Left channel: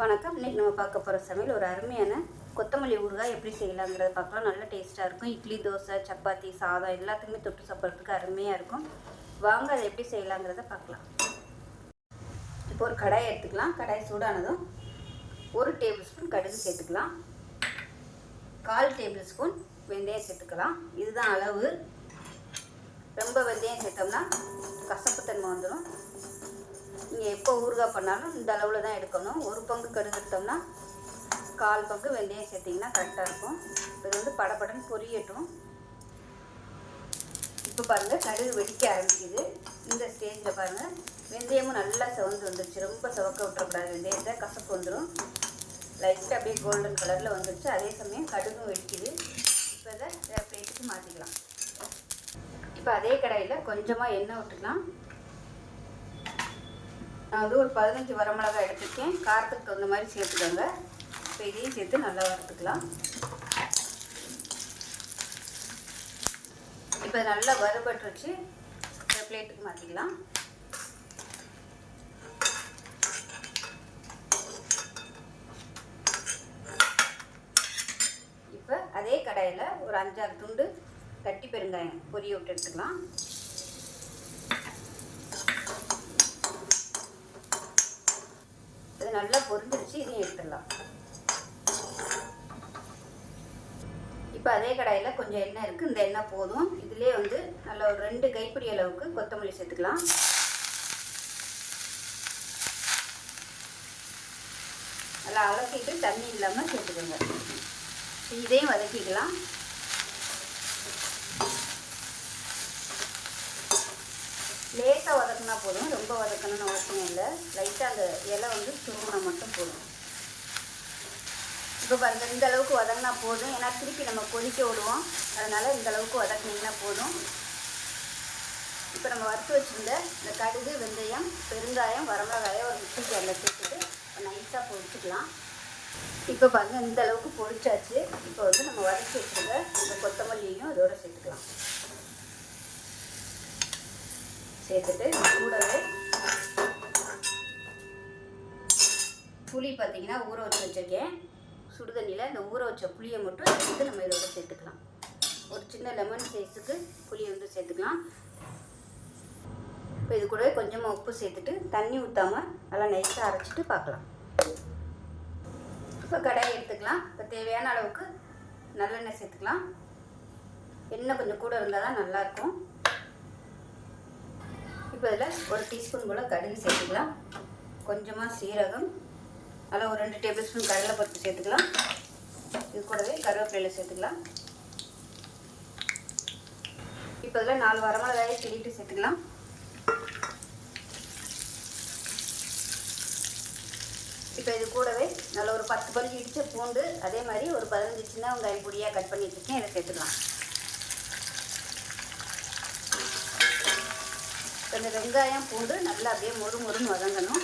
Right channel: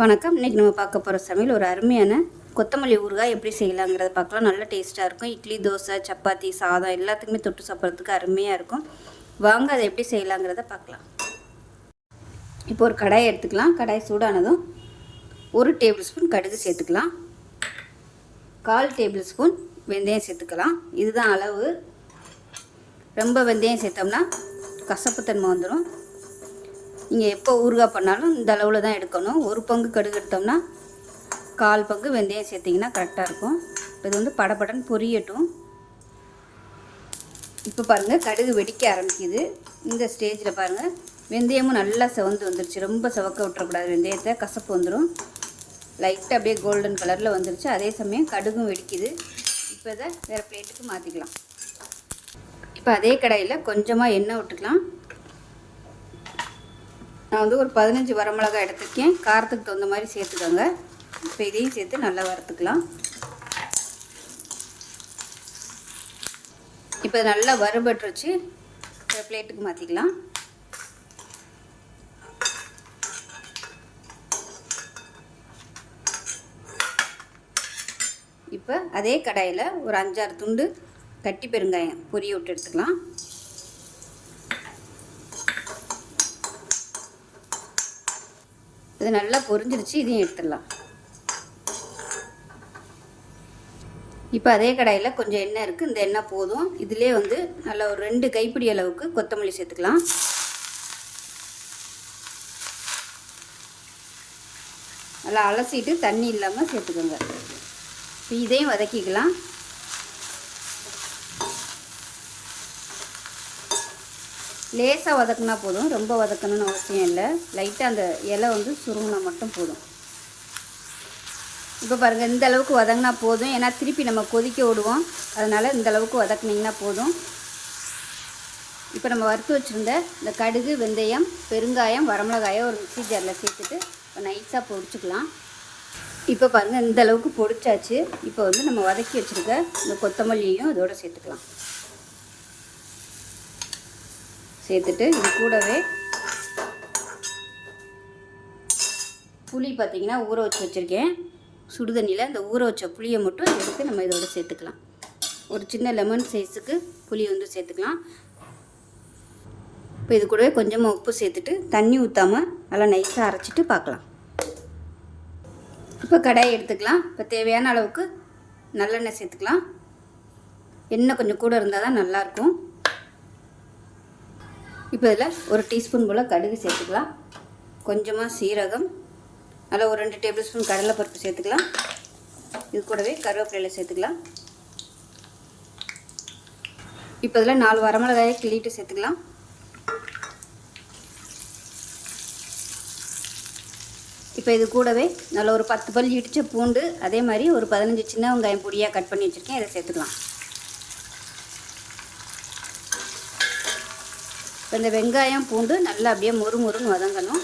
வணக்கம். இன்றைக்கி நம்ம பார்க்க போகிற சமையல் ஒரு அருமையான கொத்தமல்லி ஊறுகாய் எப்படி செய்யலாங்கிறத பார்க்கலாம். நல்ல டேஸ்ட்டாக இருக்கும். இட்லி தோசை சப்பாத்தி சாதம் எல்லாத்துக்குமே தொட்டு சாப்பிட்றதுக்கு அருமையாக இருக்கும். வாங்க அதை எப்படி செய்யலாங்கிறத பார்க்கலாம். இப்போ ஒரு கடாயை எடுத்துக்கலாம். கடாய் சூடானதும் ஒரு டேபிள் ஸ்பூன் கடுகு சேர்த்துக்கலாம். கால் டேபிள் ஸ்பூன் வெந்தயம் சேர்த்துக்கலாம். இதுதான் அளவு. ரொம்ப வெந்தயம் சேர்த்தோம்னா கசப்புத்தன்மை வந்துடும் நீங்கள் எப்போ ஊறுகாய் பண்ணாலும் இந்த அளவில் தான் எடுக்கணும். ஒரு பங்கு கடுகு எடுத்தோம்னா கால் பங்கு வெந்தயம் சேர்த்திங்கன்னா கரெக்டாக இருக்கும். இது வந்து படப்படன்னு பொரியட்டும். இப்போ பாருங்கள் கடுகு வெடிக்க ஆரம்பிக்குது. இந்த ஸ்டேஜில் பாருங்கள் வெந்தயமும் நல்லா செவந்து வந்துருச்சு. ரொம்ப செவக்க விட்டுறக்கூடாது. வெந்தயத்தை கசப்பு வந்துடும் லைட்டாக அப்படியே கோல்டன் கலரில் வந்துருச்சு. அதே சமயம் கடுகும் வெடிக்குது. இப்போ இதை வேறு பிளேட்டுக்கு மாற்றிக்கலாம் இப்போ அதே கடையில் கொஞ்சமாக எண்ணெய் விட்டுக்கலாம். நான் வந்து ஒரு பதினஞ்சு வரமிளகாய் எடுத்துருக்கேன். காரத்துக்கு தகுந்த மாதிரி சேர்த்துக்கோங்க. இப்போ இதையும் சேர்த்து நல்லா வறுத்துக்கலாம். இப்போ நல்லா வறுபட்டு வச்சு பிளேட்டுக்கு மாற்றிக்கலாம் இப்போ அதே கடாயில் ஒரு அஞ்சாறு துண்டு கட்டி பெருங்காயம் பொரிய விட்டு எடுத்துக்கலாம். இது நல்லா பொரிஞ்சிருச்சு இதையும் எடுத்துடலாம். இப்போ அதே கடாயில் கொஞ்சம் எண்ணெய் இருக்குது இந்த எண்ணெய் போதும். இதிலே வந்து நல்லா ஒரு ரெண்டு கைப்பிடி அளவுக்கு கொத்தமல்லி சேர்த்துக்கலாம். நல்லா அலசிட்டு தண்ணி இல்லாமல் சேர்த்துக்கோங்க. இதையும் வதக்கிக்கலாம். லேசாக வதக்குனா போதும். ரொம்ப வதக்கணும்னு அவசியம் இல்லை. லைட்டாக அந்த இலை வந்து சுருங்கினா மட்டும் போதும். இப்போ பாருங்கள் இந்த அளவுக்கு வதங்கினா போதும். ஏன்னா திருப்பி நம்ம கொதிக்க விடுவோம். அதனால் இந்த அளவுக்கு வதக்குனிங்கன்னா போதும். இப்போ நம்ம வறுத்து வச்சுருந்த இந்த கடுகு வெந்தயம் பெருங்காயம் வரமிளகாயம் ஒரு மிக்சி ஜாரில் சேர்த்துட்டு நைஸாக பொடிச்சிக்கலாம். இப்போ பாருங்கள் இந்த அளவுக்கு பொடிச்சாச்சு. இப்போ வந்து நம்ம வதக்கி வச்சுருக்க இந்த கொத்தமல்லியையும் இதோட சேர்த்துக்கலாம். சேர்த்துட்டு இது கூடவே புளி பார்த்திங்கன்னா ஊற வச்சு வச்சுருக்கேன். சுடுதண்ணியில் அந்த ஊற வச்ச புளியை மட்டும் எடுத்து நம்ம இதோட சேர்த்துக்கலாம். ஒரு சின்ன லெமன் சைஸுக்கு புளி வந்து சேர்த்துக்கலாம். இப்போ இது கூடவே கொஞ்சமாக உப்பு சேர்த்துட்டு தண்ணி ஊற்றாமல் நல்லா நைஸாக அரைச்சிட்டு பார்க்கலாம். இப்போ கடாயை எடுத்துக்கலாம். இப்போ தேவையான அளவுக்கு நல்லெண்ணெய் சேர்த்துக்கலாம். எண்ணெய் கொஞ்சம் கூட இருந்தால் தான் நல்லாயிருக்கும். இப்போ இதில் ஒரு டீஸ்பூன் போல் கடுகு சேர்த்துக்கலாம். கொஞ்சமாக சீரகம் நல்லா ஒரு ரெண்டு டேபிள் ஸ்பூன் கடலைப்பருப்பு சேர்த்துக்கலாம். இது கூடவே கருவேப்பிலையில் சேர்த்துக்கலாம். இப்போ இதில் நாலு வரமிளகாயை கிள்ளிட்டு சேர்த்துக்கலாம். இப்போ இது கூடவே நல்ல ஒரு பத்து பல் இடித்த பூண்டு அதே மாதிரி ஒரு பதினஞ்சு சின்ன வெங்காயம் பொடியாக கட் பண்ணி வச்சுருக்கேன் இதை சேர்த்துக்கலாம். இந்த வெங்காயம் பூண்டு நல்லா அப்படியே மொறு மொறுன்னு வதங்கணும்.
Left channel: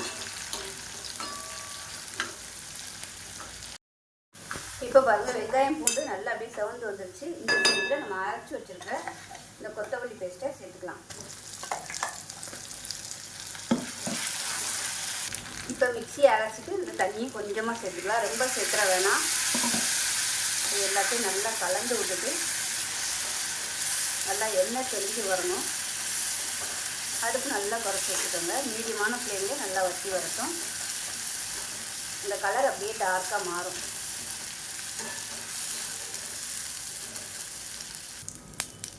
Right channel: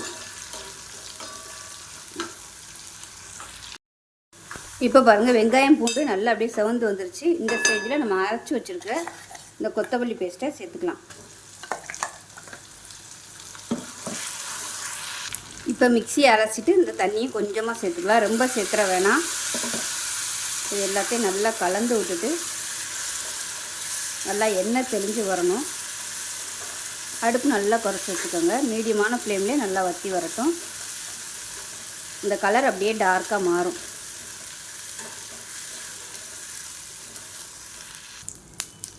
இப்போ பாருங்கள் வெங்காயம் பூண்டு நல்லா அப்படியே செவந்து வந்துருச்சு. இந்த ஸ்டேஜில் நம்ம அரைச்சி வச்சுருக்க இந்த கொத்தமல்லி பேஸ்ட்டை சேர்த்துக்கலாம். இப்போ மிக்சி அரைச்சிட்டு இந்த தண்ணியை கொஞ்சமாக சேர்த்துக்கலாம். ரொம்ப சேர்த்துற வேணாம். இது எல்லாத்தையும் நல்லா கலந்து விட்டுட்டு நல்லா எண்ணெய் தெளிஞ்சு வரணும். அடுப்பு நல்லா குறைச்சி வச்சுக்கோங்க. மீடியமான ஃப்ளேம்லேயே நல்லா வற்றி வரட்டும். இந்த கலர் அப்படியே டார்க்காக மாறும்.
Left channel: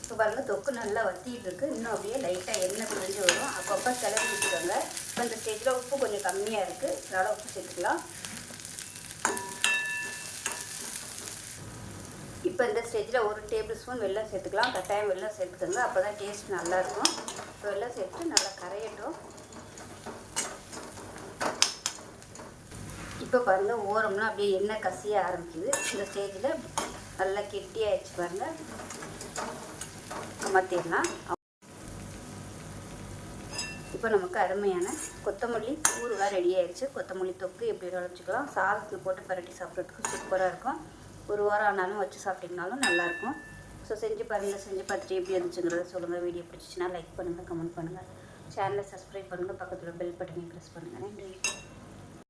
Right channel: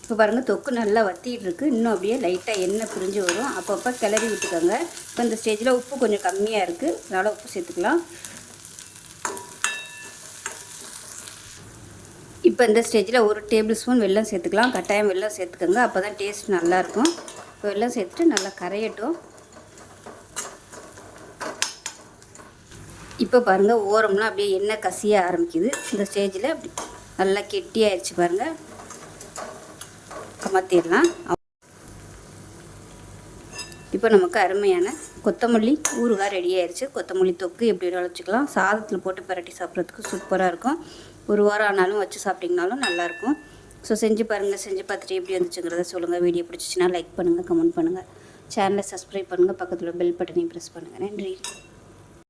இப்போ பாருங்கள் தொக்கு நல்லா வத்திட்டுருக்கு இன்னும் அப்படியே லைட்டாக எண்ணெய் பிரிஞ்சு வரும். அப்பப்போ கிளறி விட்டுக்கோங்க. இப்போ இந்த ஸ்டேஜில் உப்பு கொஞ்சம் கம்மியாக இருக்குது அதனால் உப்பு சேர்த்துக்கலாம். இப்போ இந்த ஸ்டேஜில் ஒரு டேபிள் ஸ்பூன் வெல்லம் சேர்த்துக்கலாம். கட்டாயம் வெல்லம் சேர்த்துக்கோங்க. அப்போ தான் டேஸ்ட் நல்லாயிருக்கும். இப்போ வெள்ளம் சேர்த்துட்டு நல்லா கரையட்டும். இப்போ பாருங்கள் ஓரம்லாம் அப்படியே எண்ணெய் கசிய ஆரம்பிக்குது. இந்த ஸ்டேஜில் நல்லா கெட்டியாயிடுச்சு பாருங்கள் மாற்றிடலாம் இப்போ நமக்கு அருமையான கொத்தமல்லி ஊறுகாய் ரெடி ஆயிடுச்சு கொத்தமல்லி தொக்கு எப்படி வச்சுக்கலாம். சாதத்தில் போட்டு பரட்டி சாப்பிட்றதுக்கு சூப்பராக இருக்கும். ஒரு வாரம் ஆனாலும் வச்சு சாப்பிட்டிங்கனாலும் நல்லாயிருக்கும். ஸோ செஞ்சு பாருங்கள் செஞ்சு பார்த்துட்டு எப்படி இருந்துச்சுங்கிறத சொல்லுங்கள் வீடியோ பிடிச்சிச்சின்னா லைக் பண்ணுங்கள் கமெண்ட் பண்ணுங்கள் சேனலை சப்ஸ்கிரைப் பண்ணுங்கள் பக்கத்தில் பெல் பட்டனையும் ப்ரெஸ் பண்ணுங்கள் நன்றி.